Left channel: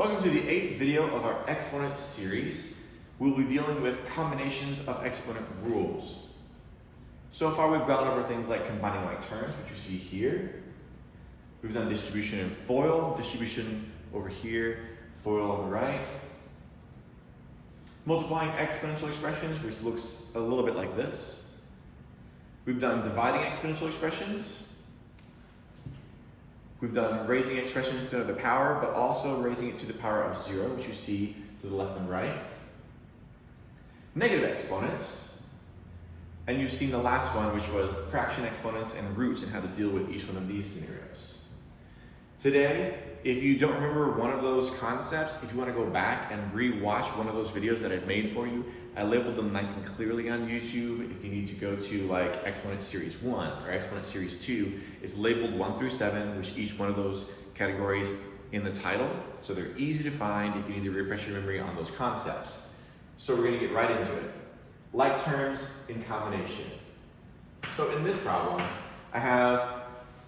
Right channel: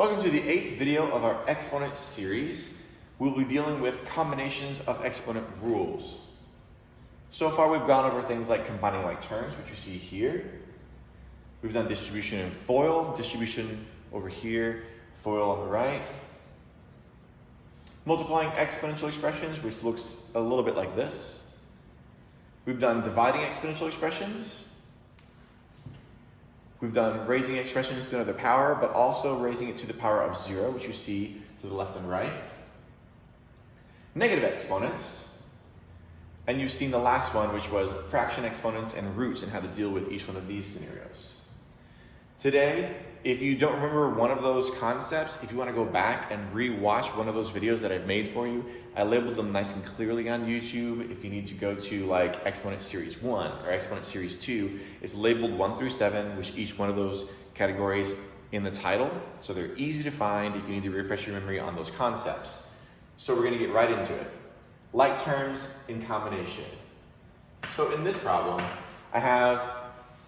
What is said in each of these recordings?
Welcome to the 8th video of our Exponent series. We'll be dealing with combinations of exponent rules. So far we've gone over things like combining like terms, which you see here. We've done distribution and FOIL, distribution over here, FOIL on the right. Multiplying exponential expressions, which looks a little bit like this. We've done dividing exponential expressions. We've done raising expressions to another power, but also raising it to the power of 0, which you see to the left and right. Negative exponents. And you've seen the last one, which was fraction exponents and roots and how to deal with each one of these scenarios. Today, if you don't remember one of those concepts, if you want to go back and re-watch one of those videos that I've made for you, I labeled them nice and clearly on YouTube. If you need to go to like Exponent Series 1 or Exponent Series 2, it's labeled 1 through 7, which each one of those categories in the title. So they're easy to find if you need to refresh your memory on those concepts. So we're going to get right into it. Like terms in combination. So in this problem, I have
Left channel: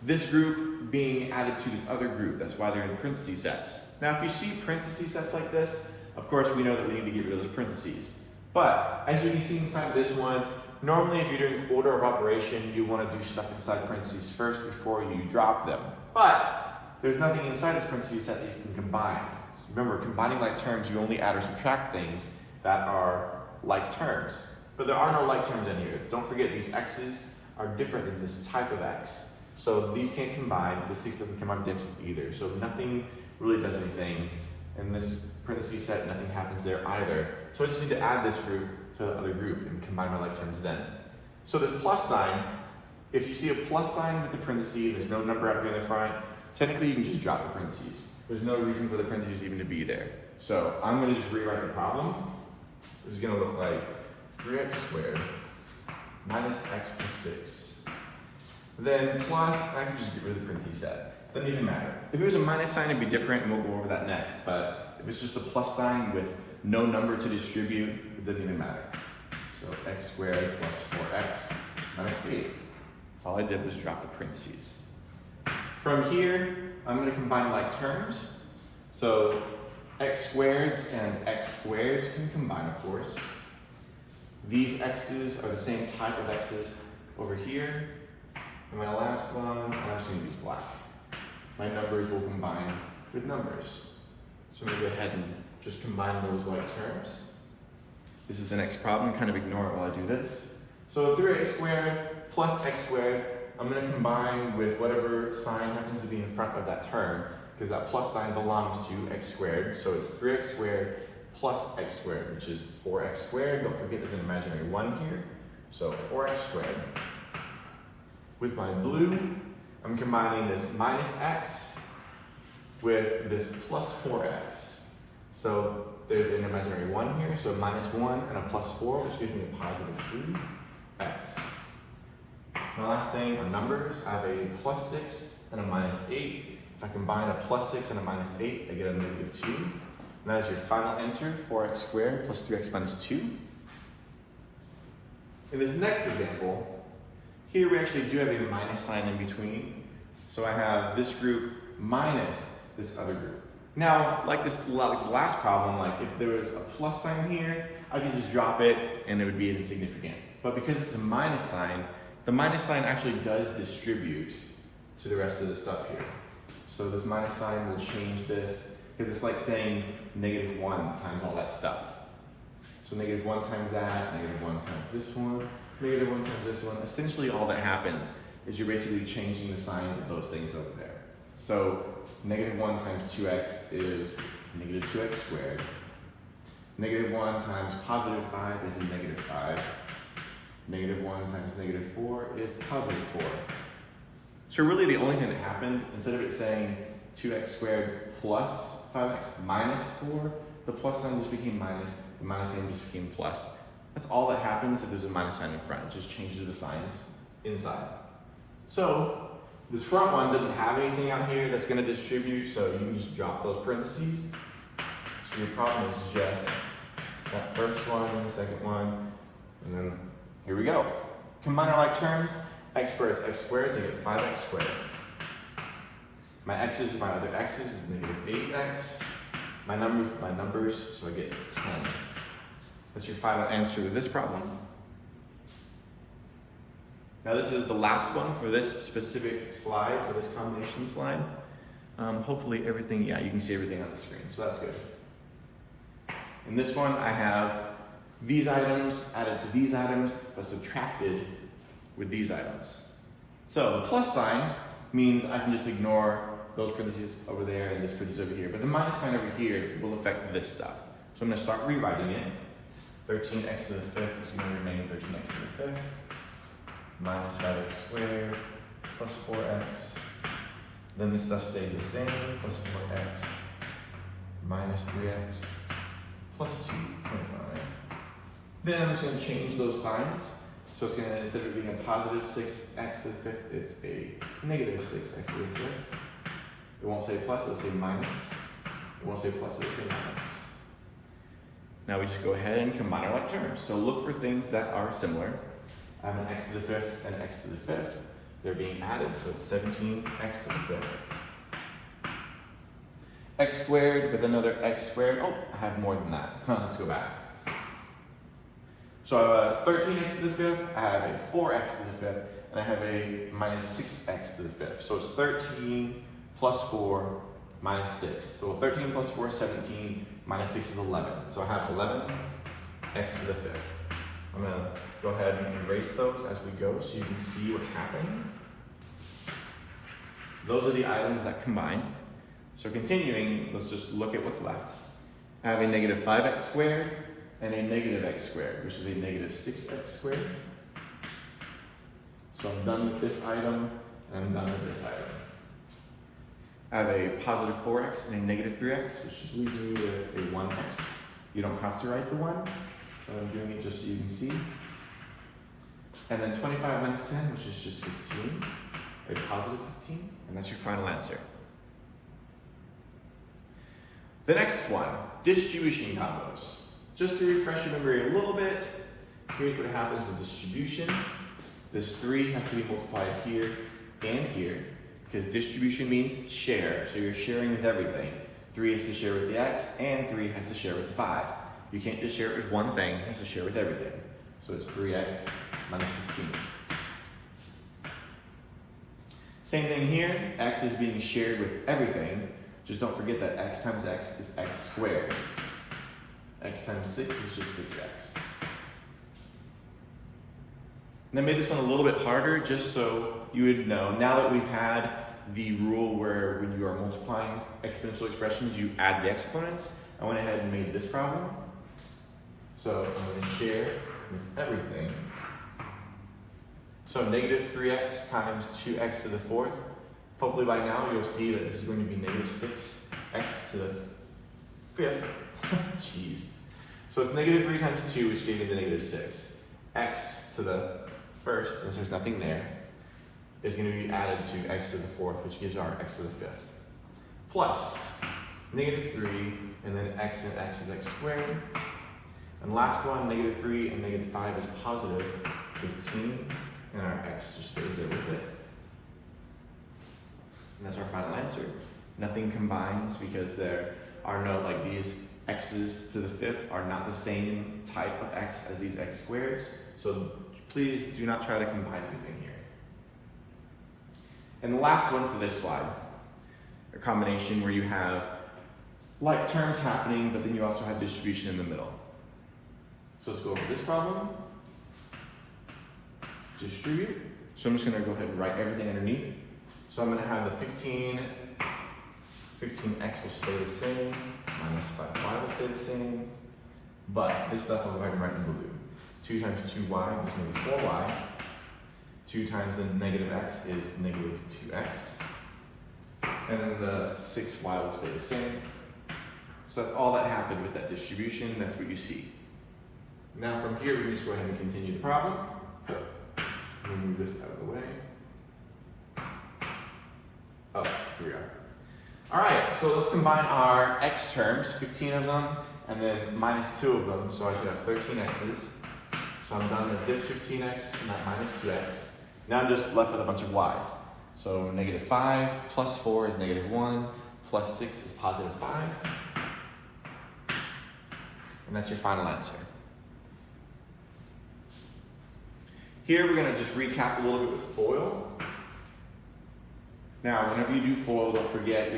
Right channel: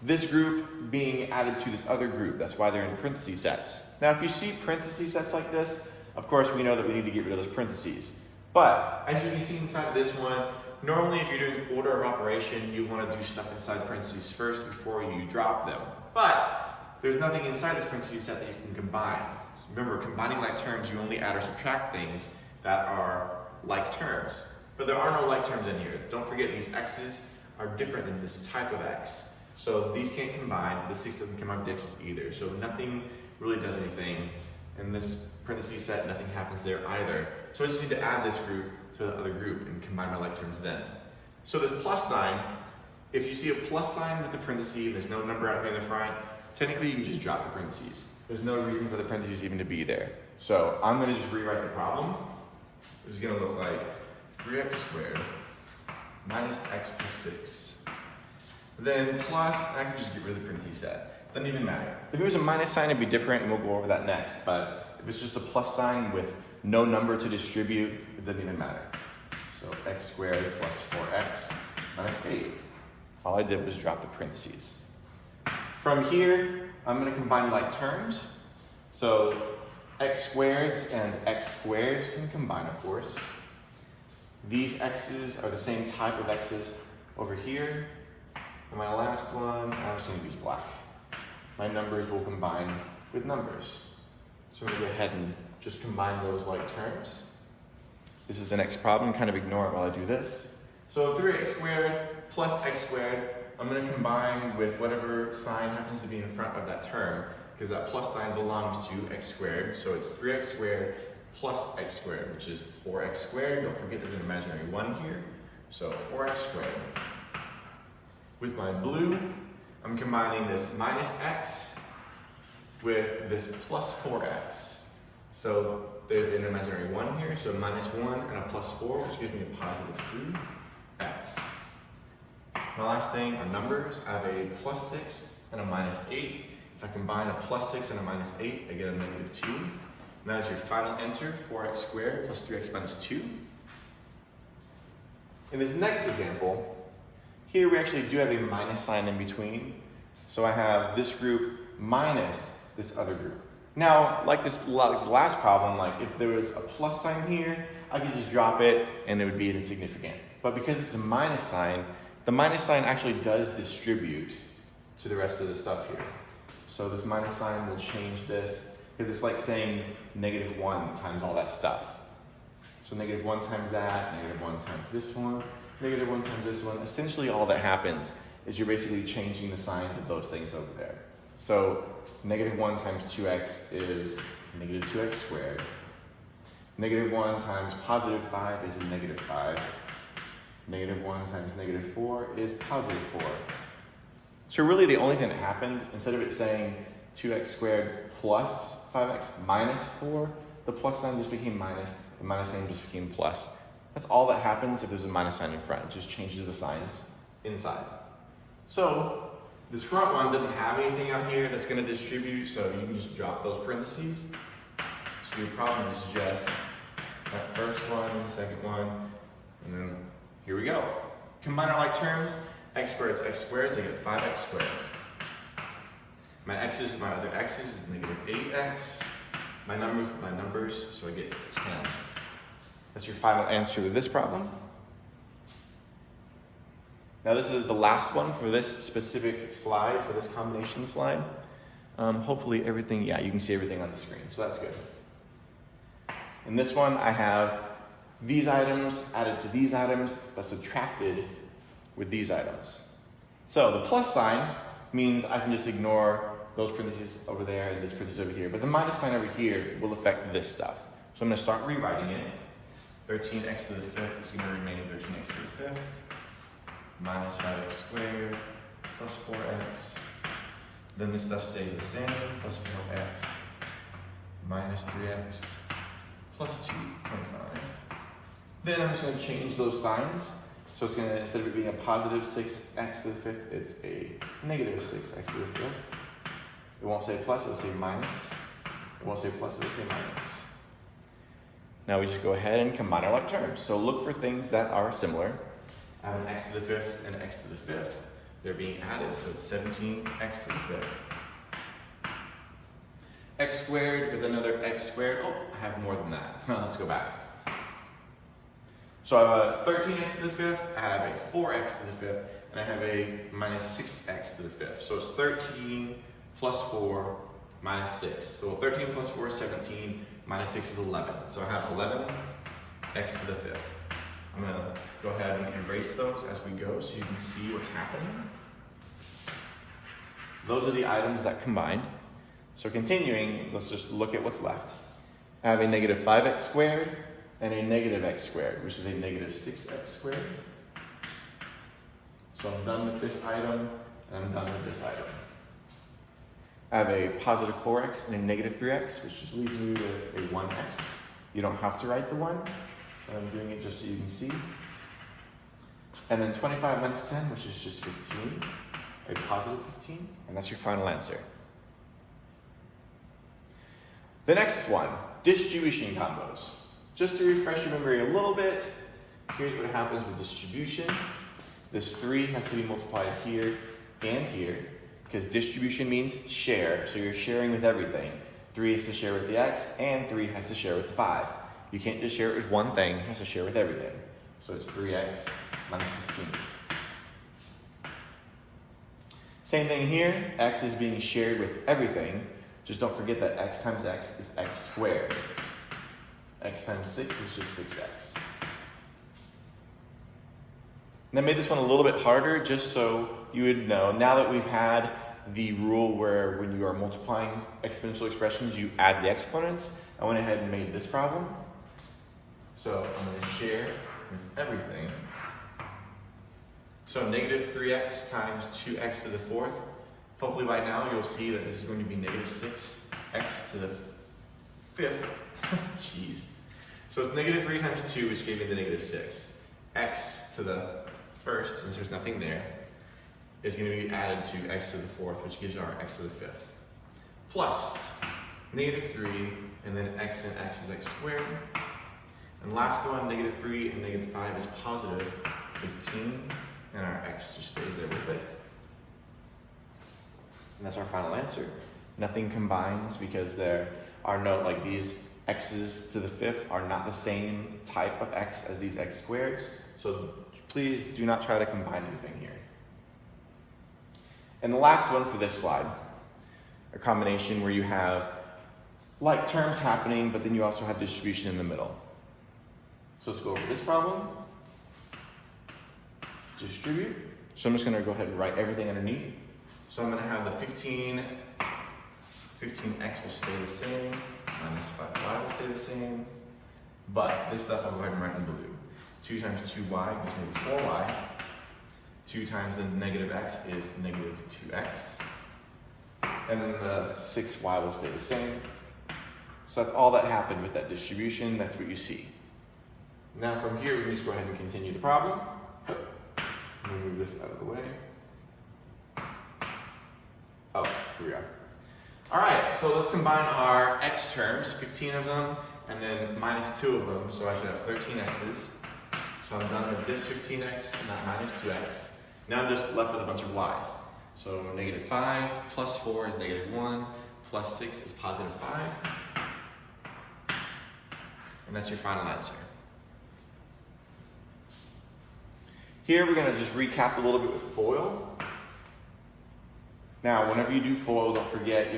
this group being added to this other group. That's why they're in parentheses sets. Now, if you see parentheses sets like this, of course, we know that we need to get rid of those parentheses. But as you can see inside of this one, normally if you're doing order of operation, you want to do stuff inside parentheses first before you drop them. But there's nothing inside this parentheses set that you can combine. So remember, combining like terms, you only add or subtract things that are like terms. But there are no like terms in here. Don't forget, these x's are different than this type of x. So these can't combine, the 6 doesn't combine with the x either. So nothing really does anything. In this parentheses set, nothing happens there either. So I just need to add this group to the other group and combine my like terms then. So this plus sign, if you see a plus sign with the parentheses and there's no number out here in the front, technically you can just drop the parentheses. There's no reason for the parentheses even to be there. So I'm gonna just rewrite the problem. This is gonna look like 3x squared minus x plus 6. Then plus, I can just get rid of the parentheses set. Doesn't even matter. If it was a minus sign, it'd be different, and we'll go over that next. But if it's just a plus sign with no number to distribute, it doesn't even matter. So x squared plus 4x minus 8. All I did was drop the parentheses. From here, I'm going to combine like terms. So x squareds and x squareds can combine, of course. These x's are the same type of x's over here. And my last one, I'm just going to use black. My numbers will combine with numbers. So I'm going to go ahead and just combine those like terms. This is the next problem, kind of ignore it while I do this. So 3x squared plus x squared, I'm going to combine with whatever sign happens to be in front of that term, because that plus sign belongs to x squared. So it's 3x squared plus x squared, which is 4x squared. Don't forget there's an imaginary 1 here. So 4x squared. With my blue, I'm combining this minus x with this plus 4x. So there's an imaginary 1 here, so minus 1 and a plus 4, which gives me a positive 3x. My last thing are numbers. I have a plus 6 and a minus 8. If I combine a plus 6 and a minus 8, I get a negative 2. And that is your final answer, 4x squared plus 3x minus 2. In this next example, here we actually do have a minus sign in between. So I have this group minus this other group. Now, like the last problem, like if there was a plus sign here, I could just drop it and it would be insignificant. But because it's a minus sign, the minus sign actually does distribute to the rest of the stuff here. So this minus sign will change this, because it's like saying negative 1 times all that stuff. So negative 1 times that, negative 1 times this one, negative 1 times this one. Essentially all that happens is you're basically changing the signs of those things over there. So negative 1 times 2x is negative 2x squared. Negative 1 times positive 5 is a negative 5. Negative 1 times negative 4 is positive 4. So really the only thing that happened, instead of it saying 2x squared plus 5x minus 4, the plus sign just became minus, the minus sign just became plus. That's all that happens if there's a minus sign in front. It just changes the signs inside. So this front one doesn't have anything out here that's going to distribute, so you can just drop those parentheses. So your problem is just that first one and the second one, and then here we go. Combine our like terms, x squared to x squared, so I get 5x squared. My x's with my other x's is negative 8x my numbers with my numbers, so I get 10. That's your final answer to this problem. Now this is the last one for this specific slide, for this combination slide. Hopefully everything, yeah, you can see everything on the screen, so that's good. In this one, I have these items added to these items, but subtracted with these items. So the plus sign means I can just ignore those parentheses over there and this parenthesis over here, but the minus sign over here will affect this stuff. So I'm gonna start rewriting it. 13x to the 5th is gonna remain 13x to the 5th, minus 5x squared, plus 4x. Then this stuff stays the same, plus 4x, minus 3x, plus 2, 25. Then I'm just going to change those signs. So it's going to, instead of it being a positive 6x to the 5th, it's a negative 6x to the 5th. It won't say plus, it'll say minus. It won't say plus, it'll say minus. Now we just go ahead and combine our like terms. So look for things that are similar. I have an x to the 5th and an x to the 5th. They're being added, so it's 17x to the 5th. X squared with another x squared. Oh, I have more than that. Let's go back. So I have a 13x to the 5th, I have a 4x to the 5th, and I have a minus 6x to the 5th. So it's 13 plus 4 minus 6. So 13 plus 4 is 17, minus 6 is 11. So I have 11x to the 5th. I'm going to go ahead and erase those as we go so you can see what's happening. Those are the items that combine. So continuing, let's just look at what's left. I have a negative 5x squared and a negative x squared, which is a negative 6x squared. So I'm done with this item, and I'm done with this item. I have a positive 4x and a negative 3x, which just leaves you with a 1x. You don't have to write the 1, but I'm doing it just so you can see. And then 25 minus 10, which is just 15, a positive 15, and that's your final answer. The next one, distribution combos. Just to refresh your memory a little bit, here's what happens with distribution. This 3 has to be multiplied here and here, because distribution means share, so you're sharing with everything. 3 has to share with the x, and 3 has to share with 5. You can't just share it with one thing, it has to share with everything. So it's 3x minus 15. Same thing here, x is being shared with everything. Just don't forget that x times x is x squared. X times 6 is just 6x. And I made this one a little bit harder just so you would know. Now that we've had the rule where when you are multiplying exponential expressions, you add the exponents, I went ahead and made this problem. So I'm going to share with everything. So negative 3x times 2x to the 4th. Hopefully by now you'll see that this is going to be negative 6x to the 5th. Jeez. So it's negative 3 times 2, which gave me the negative 6. X to the 1st, since there's nothing there, is going to be added to x to the 4th, which gives our x to the 5th. Plus negative 3, and then x and x is x squared. And last one, negative 3 and negative 5 is positive 15, and our x just stays there with it. And that's our final answer. Nothing combines because there are no, like these x's to the 5th are not the same type of x as these x squareds. So please do not try to combine anything here. And the last one for this slide, a combination where you have like terms happening, but then you also have distribution in the middle. So let's go over this problem. Distribute. So I'm just going to go ahead and write everything underneath. So I'm going to have the 15x will stay the same, minus 5y will stay the same, but this stuff I'll go ahead and write in blue. 2 times 2y gives me the 4y. 2 times the negative x is negative 2x. And then the 6y will stay the same. So that's all that happened with that distribution. That's what you see. Now from here, we just go ahead and continue the problem. Move this out of the way. Oh, here we are. All right, so let's combine our x terms, 15 of them, and then minus 2 of them. So I should have 13 x's. So I'm done with this 15x and that minus 2x. Now I'm just left with a bunch of y's. So negative 5 plus 4 is negative 1, plus 6 is positive 5. and that's your final answer. Here we're going to just recap a little bit with FOIL. Now, whenever you do FOIL, don't forget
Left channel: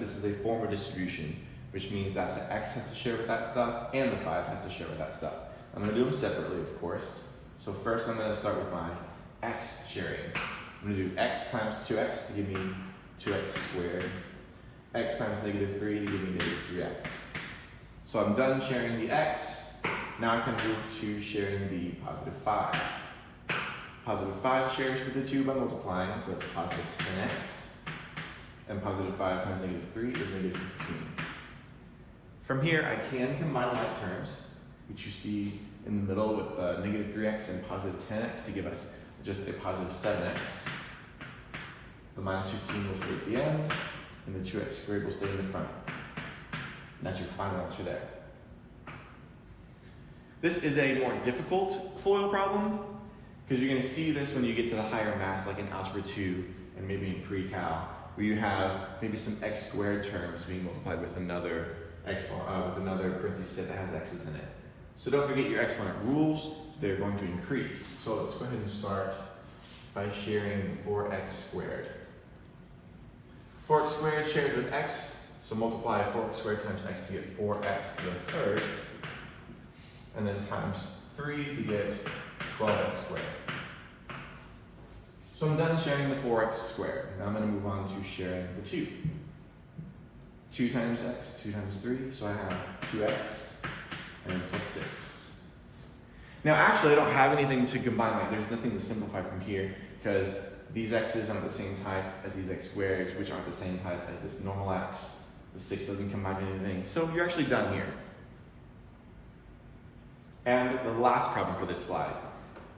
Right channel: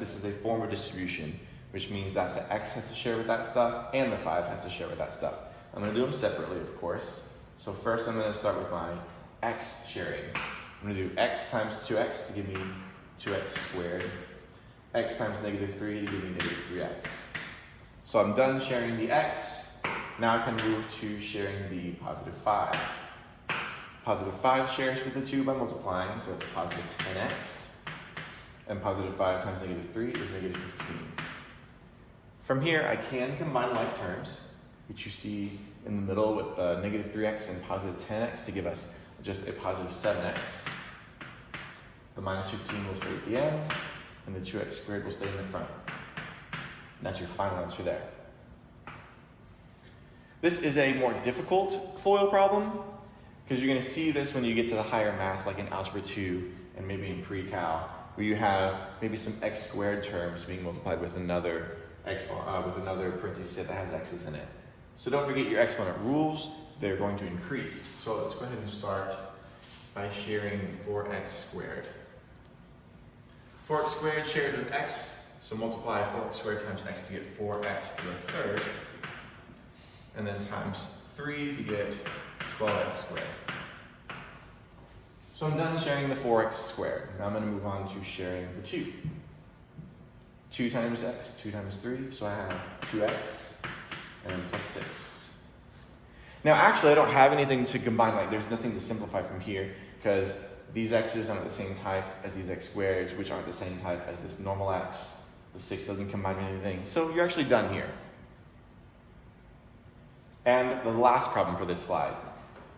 this is a form of distribution, which means that the x has to share with that stuff and the 5 has to share with that stuff. I'm going to do them separately, of course. So first I'm going to start with my x sharing. I'm going to do x times 2x to give me 2x squared. X times negative 3 to give me negative 3x. So I'm done sharing the x. Now I can move to sharing the positive 5. Positive 5 shares with the 2 by multiplying, so that's positive 10x. And positive 5 times negative 3 is negative 15. From here, I can combine like terms, which you see in the middle with the negative 3x and positive 10x to give us just a positive 7x. The minus 15 will stay at the end, and the 2x squared will stay in the front. And that's your final answer there. This is a more difficult FOIL problem, because you're going to see this when you get to the higher maths, like in Algebra 2 and maybe in pre-cal, where you have maybe some x squared terms being multiplied with another parenthesis set that has x's in it. So don't forget your exponent rules, they're going to increase. So let's go ahead and start by sharing the 4x squared. 4x squared shared with x, so multiply 4x squared times x to get 4x to the third, and then times 3 to get 12x squared. So I'm done sharing the 4x squared. Now I'm going to move on to sharing the 2. 2 times x, 2 times 3, so I have 2x and plus 6. Now actually I don't have anything to combine, like there's nothing to simplify from here, because these x's aren't the same type as these x squareds, which aren't the same type as this normal x. The 6 doesn't combine anything, so you're actually done here. And the last problem for this slide.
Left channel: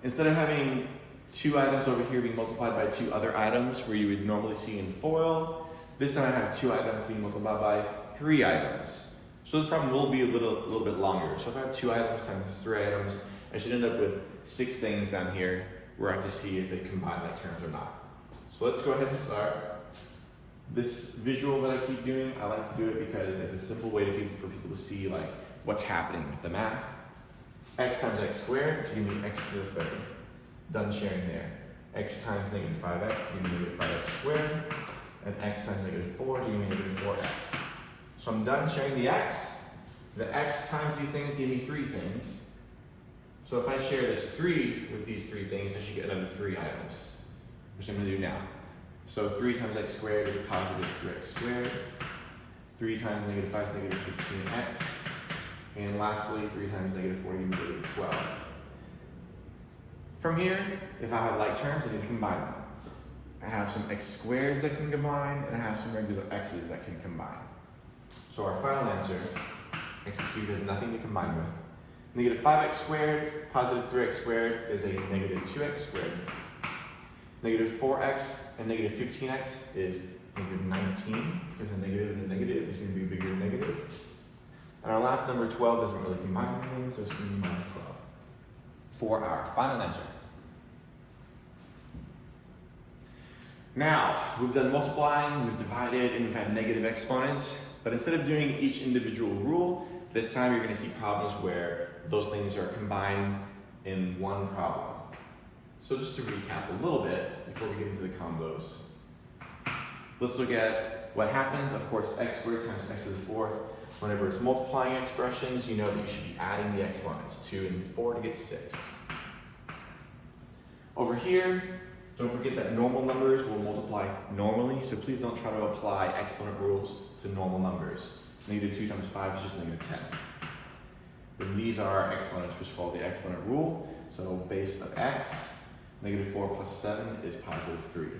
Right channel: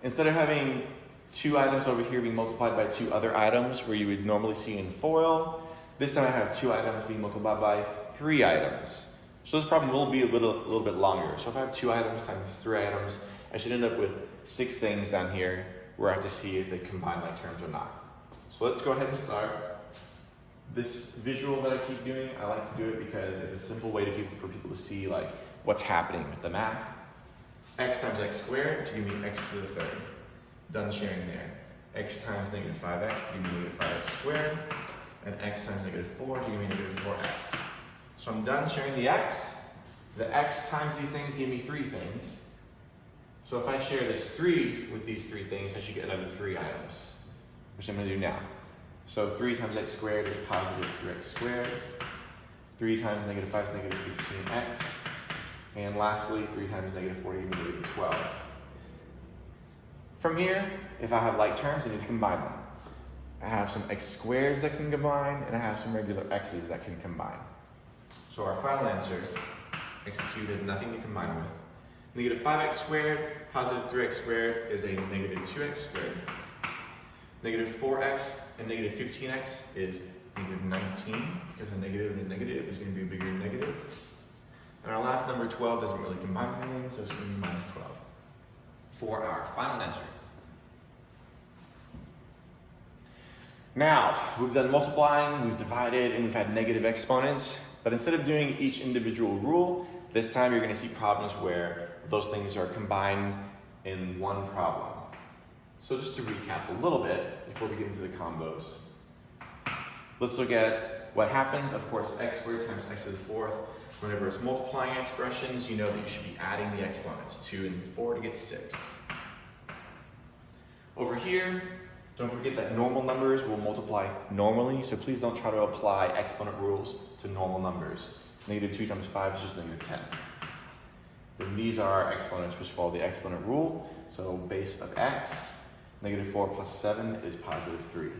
Instead of having 2 items over here being multiplied by 2 other items where you would normally see in FOIL, this time I have 2 items being multiplied by 3 items. So this problem will be a little bit longer. So if I have 2 items times 3 items, I should end up with 6 things down here where I have to see if they combine like terms or not. So let's go ahead and start. This visual that I keep doing, I like to do it because it's a simple way for people to see like what's happening with the math. X times x squared to give me x to the third. Done sharing there. X times negative 5x to give me negative 5x squared. And x times negative 4 to give me negative 4x. So I'm done sharing the x. The x times these things give me 3 things. So if I share this 3 with these 3 things, I should get another 3 items, which I'm going to do now. So 3 times x squared is positive 3x squared. 3 times negative 5 is negative 15x. And lastly, 3 times negative 4 gives me negative 12. From here, if I have like terms, I need to combine them. I have some x squares that can combine, and I have some regular x's that can combine. So our final answer, x cubed, has nothing to combine with. Negative 5x squared, positive 3x squared is a negative 2x squared. Negative 4x and negative 15x is negative 19, because a negative and a negative is going to be bigger than negative. And our last number, 12, doesn't really combine anything, so it's going to be minus 12 for our final answer. Now, we've done multiplying, we've divided, and we've had negative exponents. But instead of doing each individual rule, this time you're going to see problems where those things are combined in one problem. So just to recap a little bit before we get into the combos. Let's look at what happens. Of course, x squared times x to the fourth. Whenever it's multiplying expressions, you know that you should be adding the exponents, 2 and 4 to get 6. Over here, don't forget that normal numbers will multiply normally, so please don't try to apply exponent rules to normal numbers. Negative 2 times 5 is just negative 10. Then these are exponents which follow the exponent rule, so base of x, negative 4 plus 7 is positive 3.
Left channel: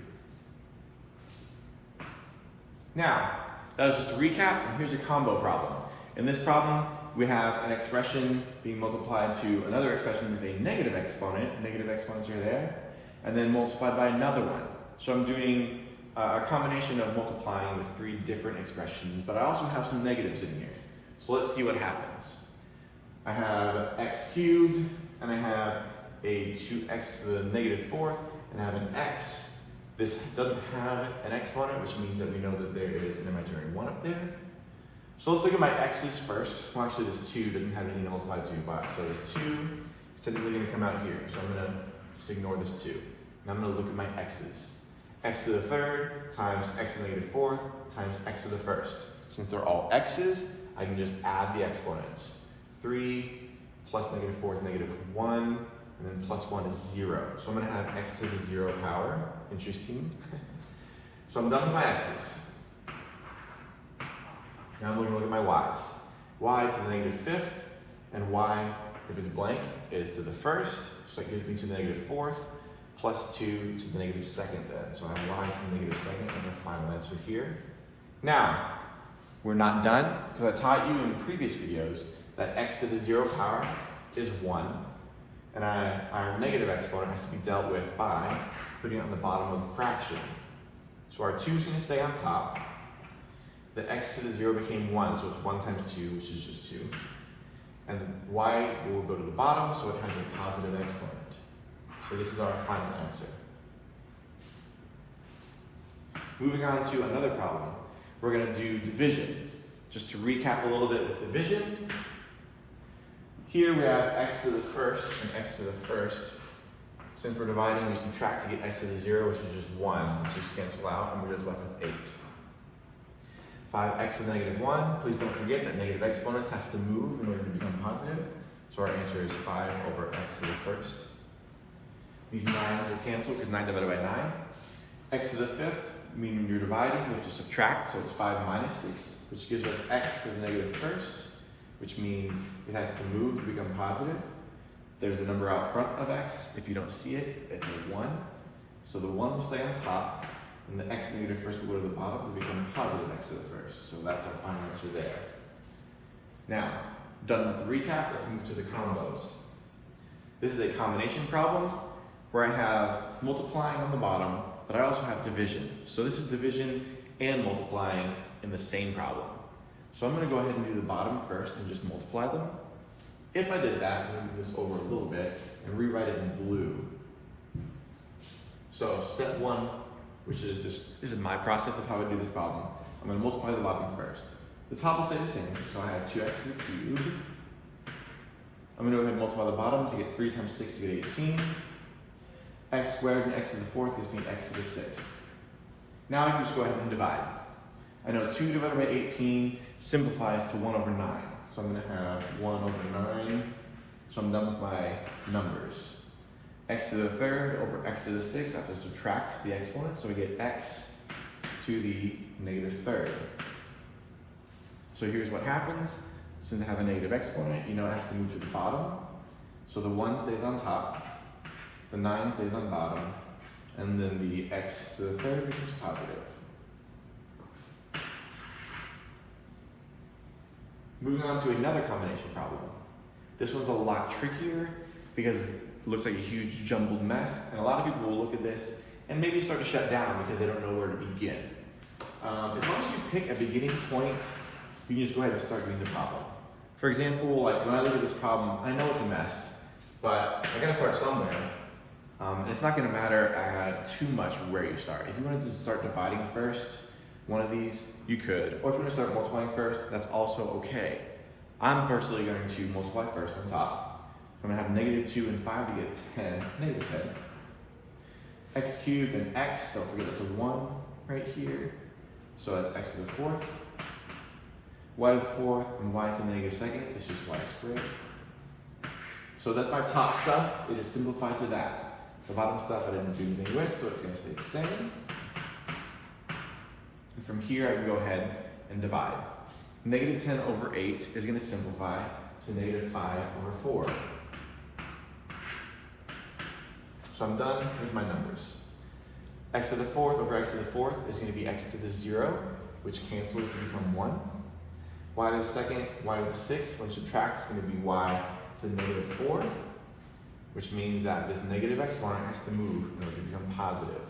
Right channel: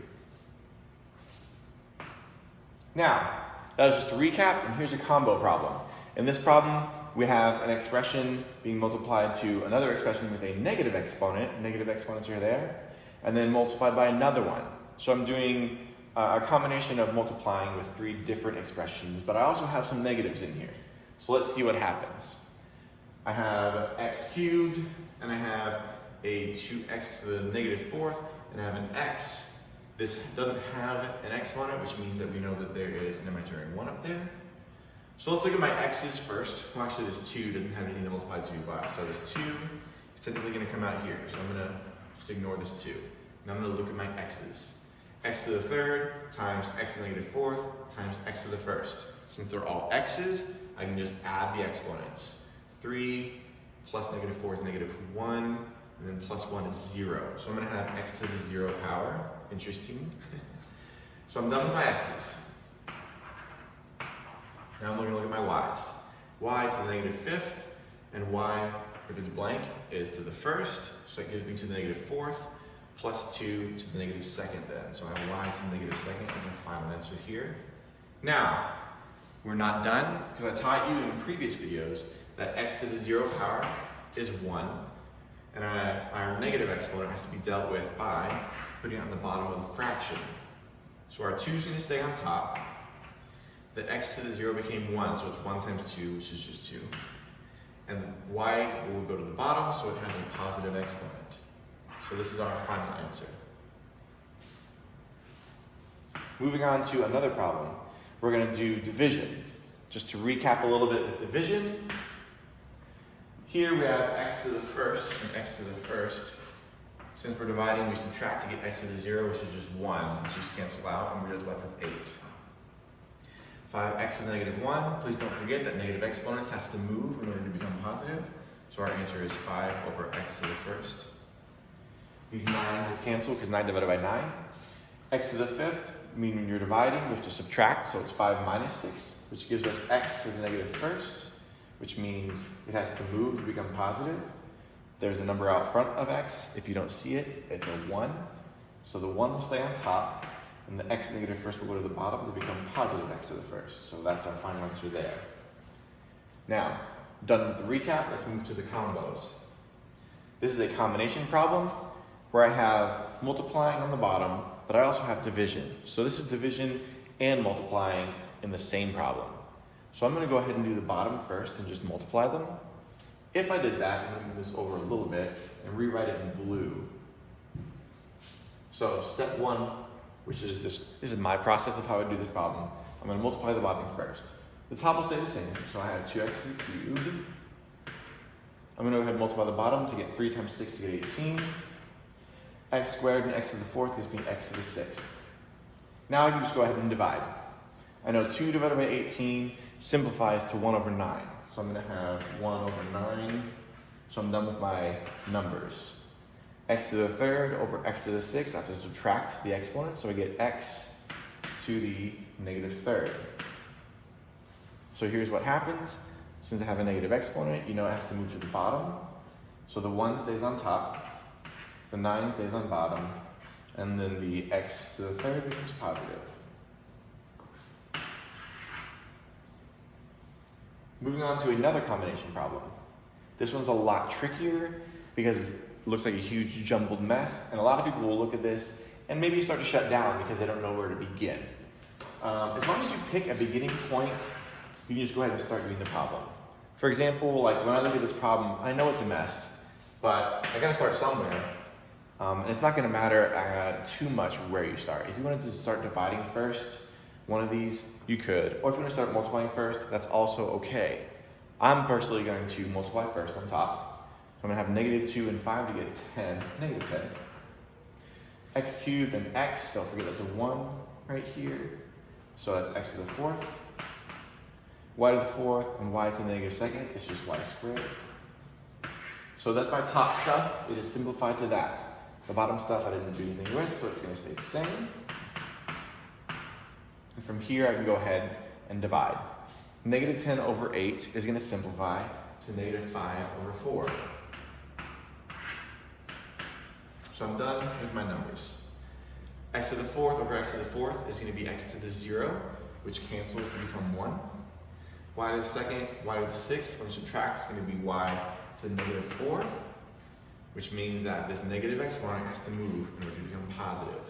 Now, that was just a recap, and here's a combo problem. In this problem, we have an expression being multiplied to another expression with a negative exponent. Negative exponents are there. And then multiplied by another one. So I'm doing a combination of multiplying with 3 different expressions, but I also have some negatives in here. So let's see what happens. I have x cubed, and I have a 2x to the negative 4th, and I have an x. This doesn't have an exponent, which means that we know that there is an imaginary 1 up there. So let's look at my x's first. Well, actually this 2 doesn't have anything to multiply to by, so this 2 is technically going to come out here. So I'm going to just ignore this 2. And I'm going to look at my x's. X to the third times x to the negative fourth times x to the first. Since they're all x's, I can just add the exponents. 3 plus negative 4 is negative 1, and then plus 1 is 0. So I'm going to have x to the 0 power. Interesting. So I'm done with my x's. Now I'm going to look at my y's. Y to the negative fifth, and y, if it's blank, is to the first. So that gives me to the negative fourth, plus 2 to the negative second then. So I have y to the negative second as our final answer here. Now, we're not done, because I taught you in previous videos that x to the 0 power is 1, and our negative exponent has to be dealt with by putting it on the bottom of the fraction. So our 2 is going to stay on top. The x to the 0 became 1, so it's 1 times 2, which is just 2. And the y will go to the bottom, so it has a positive exponent. So this is our final answer. Moving on to another problem. We're going to do division. Just to recap a little bit with division. Here we have x to the first and x to the first. Since we're dividing, we subtract to get x to the 0, which is just 1. Let's just cancel out, and we're just left with 8. 5x to the negative 1. Please don't forget that negative exponents have to move in order to become positive. So our answer is 5 over x to the first. These 9s will cancel because 9 divided by 9. X to the fifth, meaning when you're dividing, we have to subtract, so it's 5 minus 6, which gives us x to the negative first, which means it has to move to become positive. There's a number out front of x. If you don't see it, it's a 1. So the 1 will stay on top, and the x negative first will go to the bottom to become positive x to the first. So that's our final answer there. Now, done with the recap, let's move to the combos. This is a combination problem where I have multiplying on the bottom, but I also have division. So this is division and multiplying in the same problem. So I'm going to go ahead and do the bottom first and just multiply them. If I did that, I'm going to move this over a little bit and rewrite it in blue. So step 1, which is this is my process of how I do this problem. I'm going to multiply the bottom first. The top will stay the same, so I have 2x to the cubed. I'm going to go ahead and multiply the bottom to get 3 times 6 to get 18. X squared and x to the fourth gives me x to the sixth. Now I can just go ahead and divide. I know 2 divided by 18 simplifies to 1 over 9. So I'm going to have 1 over 9. So I'm done with my numbers. X to the third over x to the sixth. I have to subtract the exponent, so I get x to the negative third. So here's what happens. Since I have a negative exponent, you know it has to move to the bottom. So the 1 stays on top, the 9 stays on bottom, and then the x to the third becomes positive. Moving on to another combination problem. This one's a lot trickier because it looks like a huge jumbled mess, and a lot of people will look at this and maybe start to shut down because they don't know where to begin. As long as you pick a beginning point, you can just go ahead and start doing the problem. For example, like when I look at this problem, I know it's a mess, but I gotta start somewhere. And it's not gonna matter too much where you start. If you wanted to start dividing first, one of these, you could. Or if you want to start multiplying first, that's also okay. I'm personally going to multiply first on top. I'm going to have negative 2 and 5 to get 10, negative 10. X cubed and x, don't forget that's a 1 right here. So that's x to the fourth. Y to the fourth and y to the negative second, it's just y squared. So that's my top stuff. It is simplified to that. The bottom stuff I didn't do anything with, so it's going to stay the same. And from here, I can go ahead and divide. Negative 10 over 8 is going to simplify to negative 5 over 4. So I'm done with my numbers. X to the fourth over x to the fourth is going to be x to the 0, which cancels to become 1. Y to the second, y to the sixth, when subtract, is going to be y to the negative 4, which means that this negative exponent has to move in order to become positive.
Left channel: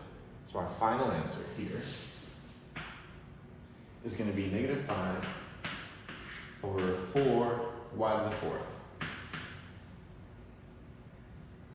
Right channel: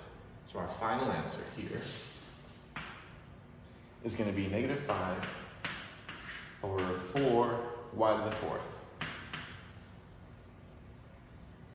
So our final answer here is going to be negative 5 over 4 y to the fourth.